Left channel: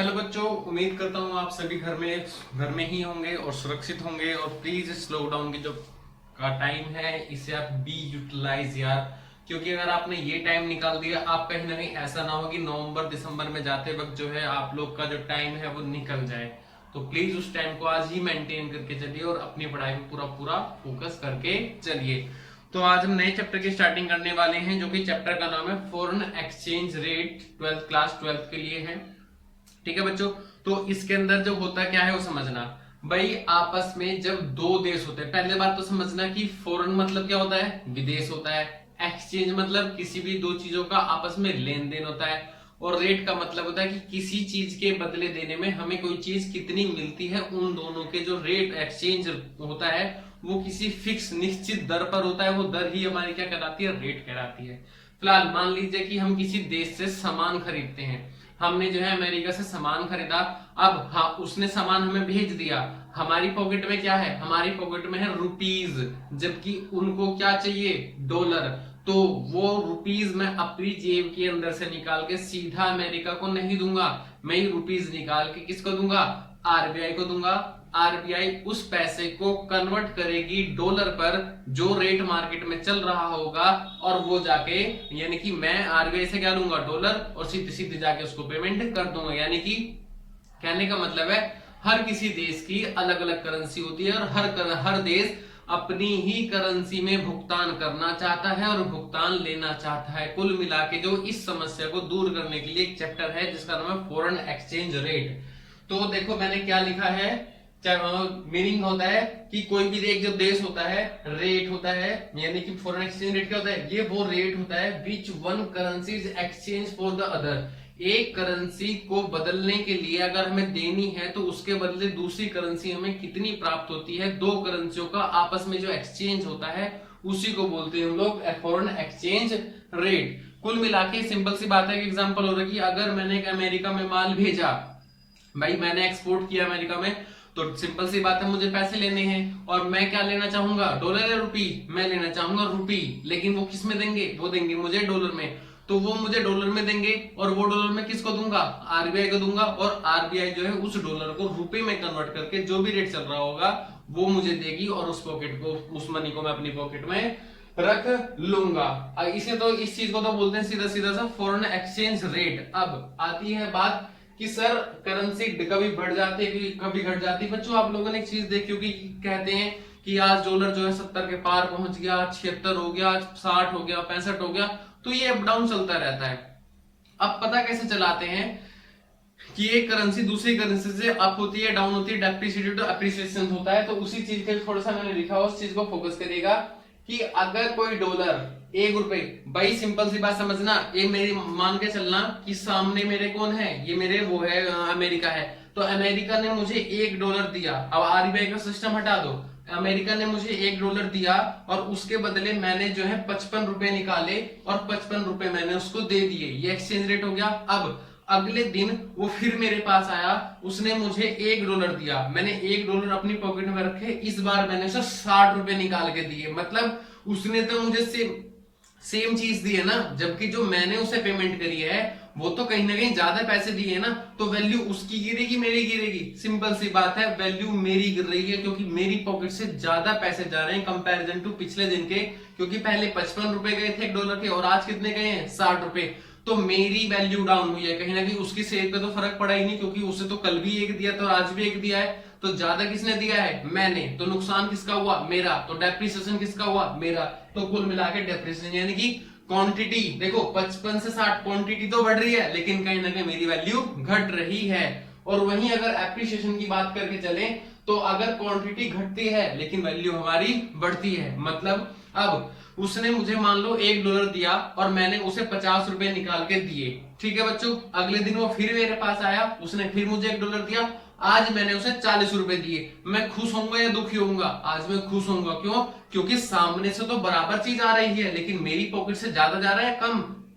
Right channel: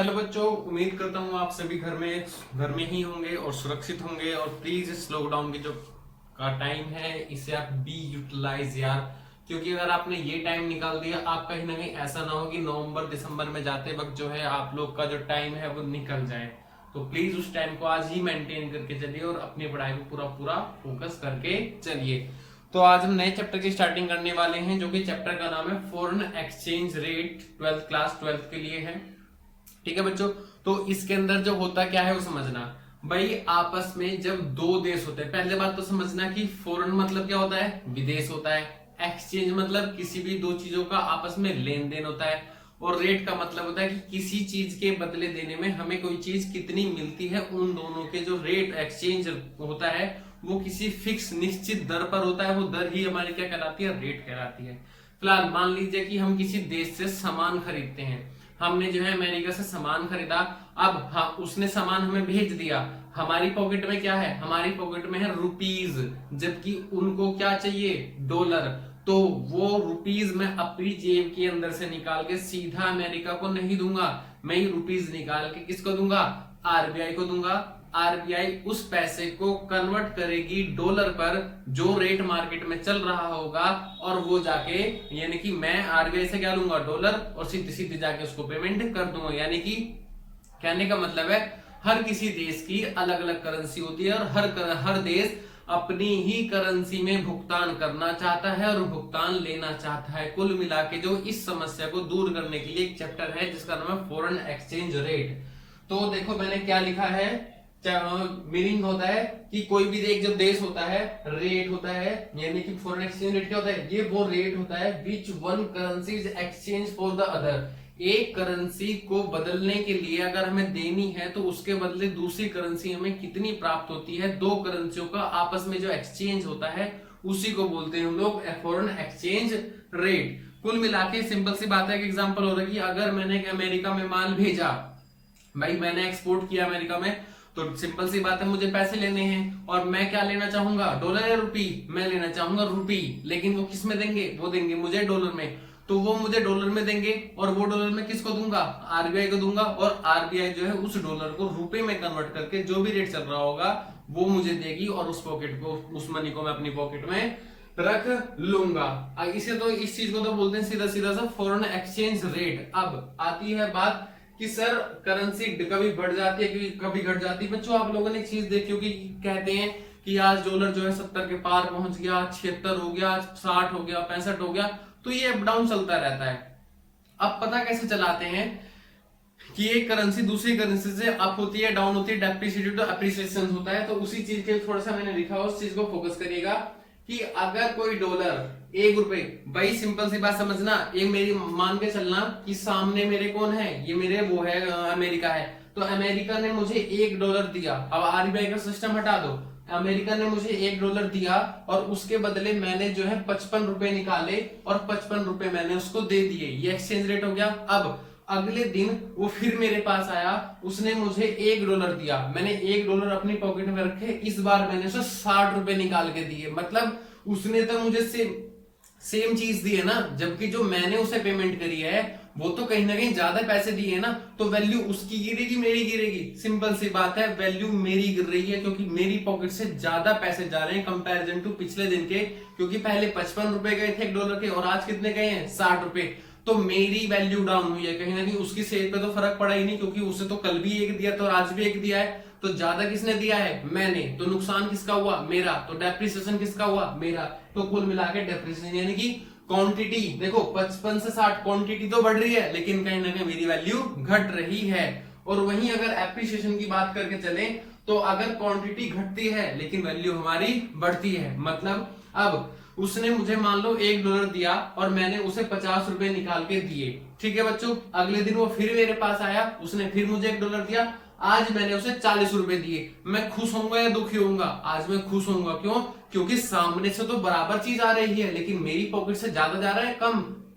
Hello बच्चों, उम्मीद करता हूँ आप सभी घर में ही होंगे और सुरक्षित होंगे। और प्लीज इस लॉकडाउन की जो का टाइम है इसे आप बी यूटिलाइज यार, क्योंकि अगर आपने ये टाइम निकाल दिया, आप कहीं ना कहीं ऐसा ना हो कि नवंबर दिसंबर में जाते वक्त जो है आप लोग का जो टाइम है वो निकल जाए। तो प्लीज उस टाइम को आज ही मेंटेन करके चलिए और अपनी पढ़ाई पे पूरा पूरा फोकस करके चलिए। तो आज हम नए चैप्टर की स्टार्टिंग करने वाले हैं, जो कि चैप्टर का नाम है फॉरेन एक्सचेंज रेट। क्लास 12 के लिए है। ठीक है बच्चों, तो इसके अंदर जो होता क्या है वो समझना। भाई आपस में जब दो देश होते हैं, पहले बात तो समझना कि फॉरेन मतलब क्या होता है, विदेश होता है। एक्सचेंज मतलब किसी भी दो चीजों का आपस में लेन देन होता है। और रेट का मतलब होता है कि किसी चीज के बदले देने में हमें कोई चीज कितनी मिलती है, उन दोनों के जो रेट एक्सचेंज होता है वो किसी फिक्स निश्चित दर पर होता है। वो दर ही हमारी क्या कहलाती है, रेट कहलाती है। फिलहाल मान लीजिए कि हम किसी देश से सामान खरीदते हैं। हमने जो है अमेरिका से सामान खरीदा। अब हाँ, उसने सामान हमें भेज दिया। हमारी पॉकेट में क्या है, हमारी पॉकेट में है रुपीज, जबकि उनको क्या चाहिए, डॉलर। तो वो रुपीज मैं अपनी जेब के अंदर से निकाल के सीधा अमेरिका को नहीं दूंगा। मैं ये रुपीज निकाल के किसको दूंगा, आरबीआई को दूंगा। आरबीआई उस पैसे को कन्वर्ट करेगी डॉलर पर, जो रेट मार्केट में चल रहा होगा, और वो जाके यानी कि मैं आरबीआई से क्या लूंगा, डॉलर, और सीधे सीधे जाके उसको पेमेंट कर दूंगा। यानी कि कहने का मतलब है हर किसी देश की अलग अलग करेंसी होती है और हर देश अपनी ही करेंसी में भुगतान करना चाहता है और भुगतान लेना चाहता है। कुल मिला के जो इस समस्या को दूर करने के लिए एक चैप्टर है जिसका नाम है फॉरेन एक्सचेंज रेट। तो देखो मैंने क्या लिखा है, मीनिंग होता है कि कोई भी एक जो देश होता है, रेट होता है, यानी कि फॉरेन एक्सचेंज रेट क्या होता है, ये वो रेट होता है which one currency is exchange for the other. एक करेंसी को बदलने के लिए अगर हमें देनी है तो उसके बदले दूसरी करेंसी हमें कितनी प्राप्त होती है, दो करेंसियों का आपस में जो एक्सचेंज होता है उसी को बोलते हैं हम लोग फॉरेन एक्सचेंज रेट। कुल मिला के सिंपल सी बात है कि एग्जांपल हो रहा है कि अगर मैंने अमेरिका में माल भेजा, भाई मैंने एक्सपोर्ट किया अमेरिका में, तो सिंपल सी बात है मुझे पैसे लेने हैं और मैं क्या लेना चाहूंगा, डॉलर या रुपी। मैं लेना चाहूंगा रुपी, लेकिन वो किस में देंगे, वो देंगे मुझे डॉलर में। तो वो मुझे डॉलर में देंगे और वो डॉलर में किसको दूंगा, आरबीआई को दूंगा। और आरबीआई जो है उस डॉलर को रुपए में कन्वर्ट करके जो भी रेट चल रहा होगा वो मुझे देगी और उस पॉकेट को, उस मनी को मैं अपनी पॉकेट में रख लूंगा। इसे तो इस चीज को तो बोलते हैं सीधा सीधा सा फॉरेन एक्सचेंज रेट। अब आती है बात कि सर करेंसी कभी बढ़ जाती है कभी घट जाती है। बच्चों आप लोगों ने एक चीज देखी होगी, कहते हैं कि आज डॉलर जो है 70 के पार पहुंच गया, आज 76 हो गया, आज 60 हो गया, 65 हो गया। तो ये अप डाउन चलता रहता है। अब पता कैसे चलाते हैं कि एक करेंसी दूसरी करेंसी से अप होती है, डाउन होती है, डेप्रिसिएटेड टू अप्रिसिएशन होता है। तो उसी चीज के थोड़ा सा मैंने लिखा, उस चीज को फोकस करिएगा कि अगर कोई डॉलर 1 रुपए, भाई सिंपल सी बात समझना, ये मेरी मान के चलना कि सामने मेरे कौन है, ये मेरे वो है अमेरिका है। तो अमेरिका ने मुझे $1 दिया। अब आरबीआई का सिस्टम हटा दो, अमेरिका ने मुझे $1 दिया और उसके बदले मैंने जो है 55 रुपए निकाले और 55 रुपए मैंने उसको दे दिए। ये एक्सचेंज रेट हो गया। अब अगले दिन वो फिर मेरे पास आया, उसने मुझे $1 दिया, मैंने $1 अपनी पॉकेट में रखे, इस बार मैंने उसे 60 रुपए निकाल के दिए। मतलब उसने तो मुझे सेम चीज दी है ना, जबकि जो मैंने उसे पेमेंट करी है वो तो कहीं ना कहीं ज्यादा पैसे दिए है ना। तो वैल्यू उसकी गिरेगी मेरी गिरेगी, सिंपल सी बात है, वैल्यू मेरी गिर रही है क्योंकि मेरी पॉकेट से ज्यादा पैसे जा रहे हैं कंपैरिजन टू पिछले दिन के। क्योंकि पहले 55 रुपए गए थे $1 के और आज कितने गए हैं, 60 रुपए। तो मेरी वैल्यू डाउन हुई है कहीं ना कहीं। उसकी सेल पे तो फर्क पड़ा ही नहीं, क्योंकि उसे तो कल भी एक दिया था और आज भी एक दिया है। तो ज्यादा किसने दिया है, मैंने। तो नुकसान किसका हुआ, मेरा। तो डेप्रिसिएशन किसका हुआ, मेरा। तो कुल मिला के डेप्रिसिएशन यानी कि क्वांटिटी, देखो 55 से 60 क्वांटिटी तो बढ़ रही है, लेकिन कहीं ना कहीं मेरी वैल्यू घट रही है। और वहीं अगर एप्रिसिएशन की बात करके चले तो अगर क्वांटिटी घटती है लेकिन वैल्यू हमारी बढ़ती है। मतलब अब उसने मुझे मान लो $1 दिया और मैंने उसे 50 रुपए निकाल के दिए। ठीक है बच्चों, अगले दिन वो फिर मेरे पास आया, उसने फिर मुझे $1 दिया, आज मैंने उसे 40 रुपए दिए। मैं खुश होऊंगा या दुखी होऊंगा, आज मैं खुश होऊंगा। क्यों, क्योंकि सामने से तो बराबर चीज आ रही है लेकिन मेरी पॉकेट से ज्यादा जा रहा है,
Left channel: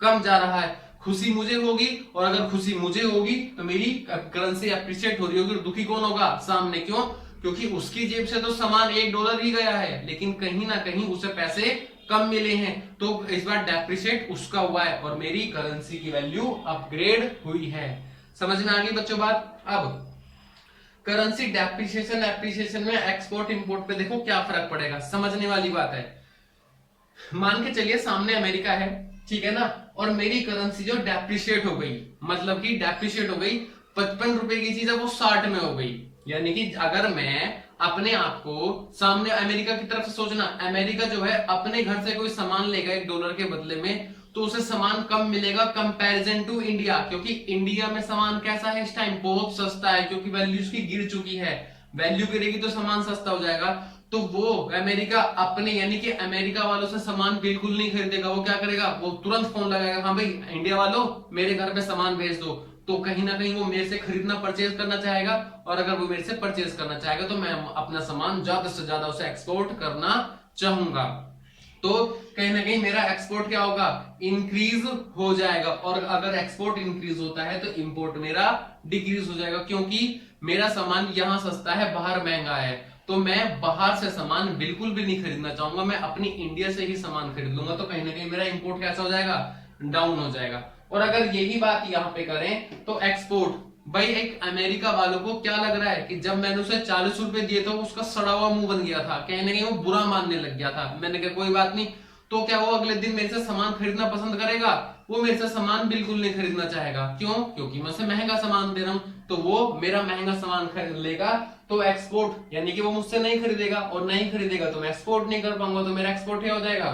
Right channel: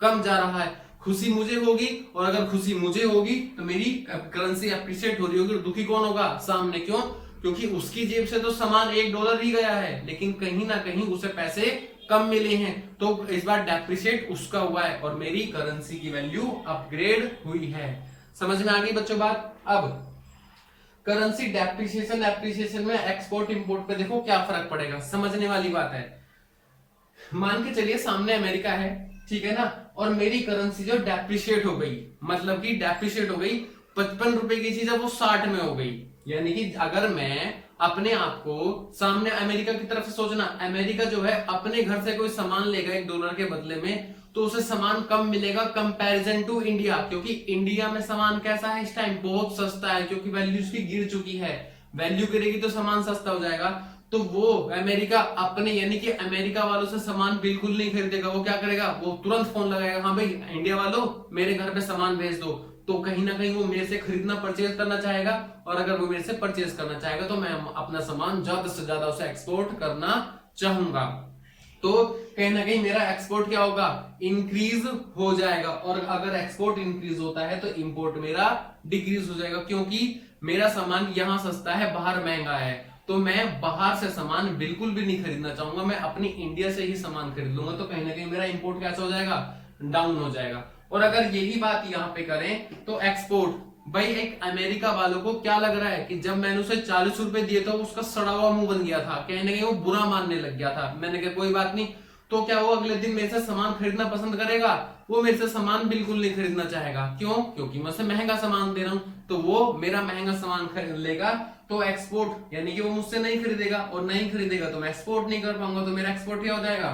कम जा रहा है। खुशी मुझे होगी, और अगर खुशी मुझे होगी तो मेरी करेंसी अप्रिशिएट हो रही होगी। दुखी कौन होगा, सामने। क्यों, क्योंकि उसकी जेब से तो सामान $1 ही गया है लेकिन कहीं ना कहीं उसे पैसे कम मिले हैं। तो इस बार डेप्रिशिएट उसका हुआ है और मेरी करेंसी की वैल्यू अपग्रेड हुई है। समझ में आ गई बच्चों बात। अब करेंसी डेप्रिसिएशन एप्रिसिएशन में एक्सपोर्ट इंपोर्ट पे देखो क्या फर्क पड़ेगा, समझने वाली बात है। मान के चलिए सामने अमेरिका है, ठीक है ना, और मेरी करेंसी जो डेप्रिशिएट हो गई, मतलब कि डेप्रिशिएट हो गई, 55 रुपए की चीज है वो 60 में हो गई। यानी कि अगर मैं अपने आप को सामने अमेरिका की तरफ से सोचना, अमेरिका जो है अपने घर से कोई सामान लेगा $1 के बदले में, तो उसे सामान कम मिलेगा कंपैरिजन टू इंडिया, क्योंकि इंडिया में सामान कैसा है इस टाइम, बहुत सस्ता है, क्योंकि वैल्यू उसकी गिर चुकी है। वैल्यू गिरेगी तो सामान सस्ता हो जाएगा। तो वो अमेरिका अपने यानी कि अमेरिका वालों से सामान बिल्कुल नहीं खरीदेगा। वो क्या करेगा, वो तुरंत फोन लगाएगा, हाँ भाई इंडिया वालों मेरे घर पे सामान भेज दो। तो कहीं ना कहीं वो मेरे से खरीदना परचेज करना चाहेगा, और अगर वो मेरे से परचेज करना चाहेगा तो मैं अपना सामान ज्यादा से ज्यादा उसे एक्सपोर्ट करना चाहूंगा। तो कहीं ना कहीं मेरा एक्सपोर्ट क्या होगा, इंक्रीज हो जाएगा। और अगर एक्सपोर्ट इंक्रीज होता है तो इंपोर्ट मेरा डिक्रीज हो जाएगा, क्योंकि मेरा सामान यहां सस्ता है बाहर महंगा है। तो मैं बाहर से सामान बिल्कुल भी नहीं खरीदना चाहूंगा, मैं अपनी इंडिया से ही सामान खरीद लूंगा। तो कहीं ना कहीं मेरा इंपोर्ट कैसा हो जाएगा, डाउन हो जाएगा। और अगर यही बात यहाँ पे करें तो एक्सपोर्ट, भाई एक अमेरिका वालों को क्या लग रहा है कि जब मैंने उसे 40 रुपए दिए तो उसका सड़ा हुआ मुंह बन गया था, कहीं ना कहीं वो बुरा मानने लग गया था। मैंने कहा कोई बात नहीं, तो क्या वो अगले दिन मेरे से सामान खरीदना पसंद करेगा, वो मेरे से सामान बिल्कुल नहीं खरीदना चाहेगा। क्यों, क्योंकि मैं उसे महंगा सामान दे रहा हूं, तो वो मेरा महंगा सामान खरीद लेगा। तो एक्सपोर्ट यानी कि वो मुझसे नहीं खरीदेगा, और नहीं खरीदेगा तो मैं एक्सपोर्ट नहीं कर पाऊंगा, तो मेरा एक्सपोर्ट क्या हो जाएगा,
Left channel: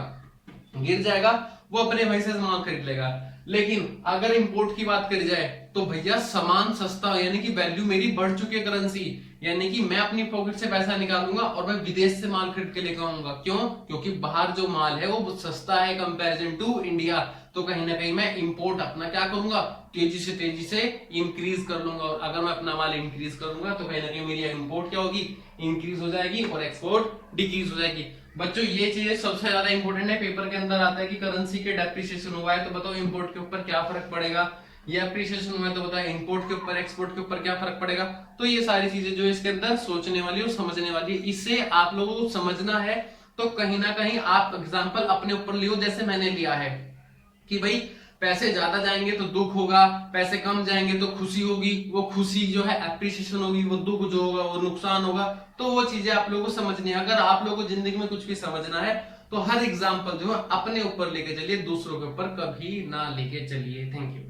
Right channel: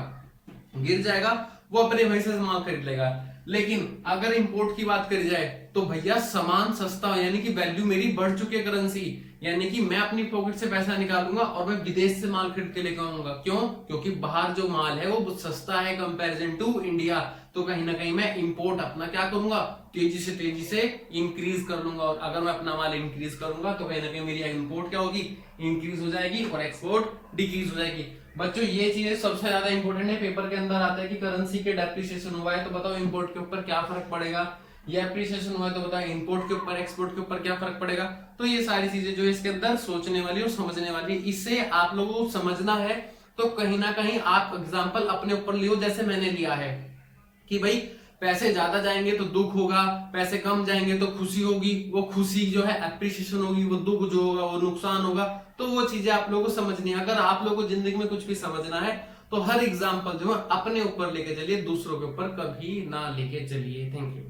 गिर जाएगा। वो अपने भाई से सामान खरीद लेगा। लेकिन अगर इंपोर्ट की बात करी जाए तो भैया सामान सस्ता, यानी कि वैल्यू मेरी बढ़ चुकी है करेंसी, यानी कि मैं अपनी पॉकेट से पैसा निकालूंगा और मैं विदेश से माल खरीद के लेकर आऊंगा। क्यों, क्योंकि बाहर जो माल है वो सस्ता है कंपैरिजन टू इंडिया। तो कहीं ना कहीं मैं इंपोर्ट अपना क्या करूंगा, तेजी से इंक्रीज कर लूंगा। और अगर मैं अपना माल इंक्रीज करूंगा तो कहीं ना कहीं मेरी इंपोर्ट क्या होगी, इंक्रीज हो जाएगी, और एक्सपोर्ट डिक्रीज हो जाएगी। बच्चों ये चीजें सबसे ज्यादा इंपॉर्टेंट है, पेपर के अंदर आता है कि करेंसी के डेप्रिसिएशन हुआ है तो बताओ इंपोर्ट के ऊपर क्या फर्क पड़ेगा, या एप्रिसिएशन हुआ है तो बताओ इंपोर्ट के ऊपर एक्सपोर्ट के ऊपर क्या फर्क पड़ेगा। तो ये सारी चीजें जो है इसके अंदर सोचने वाली और समझने वाली, इससे आप लोगों को समझना है। तो कहीं ना कहीं आप एग्जाम्पल अपने ऊपर लियो, जैसे मैंने लिया है कि भाई पैसे ज्यादा जाएंगे तो दुख होगा, पैसे कम जाएंगे तो खुशी होगी, वो खुशी जो है एप्रिसिएशन होगी, वो दुख जो होगा वो नुकसान होगा। तो वो चीजें आप लोगों को समझनी है। अगर आप लोगों को जिंदगी में कुछ भी समझना है तो हर एग्जाम्पल जो है अपने ऊपर लेके चलिए, दूसरों के ऊपर कभी ना लेके चलिए। Thank you.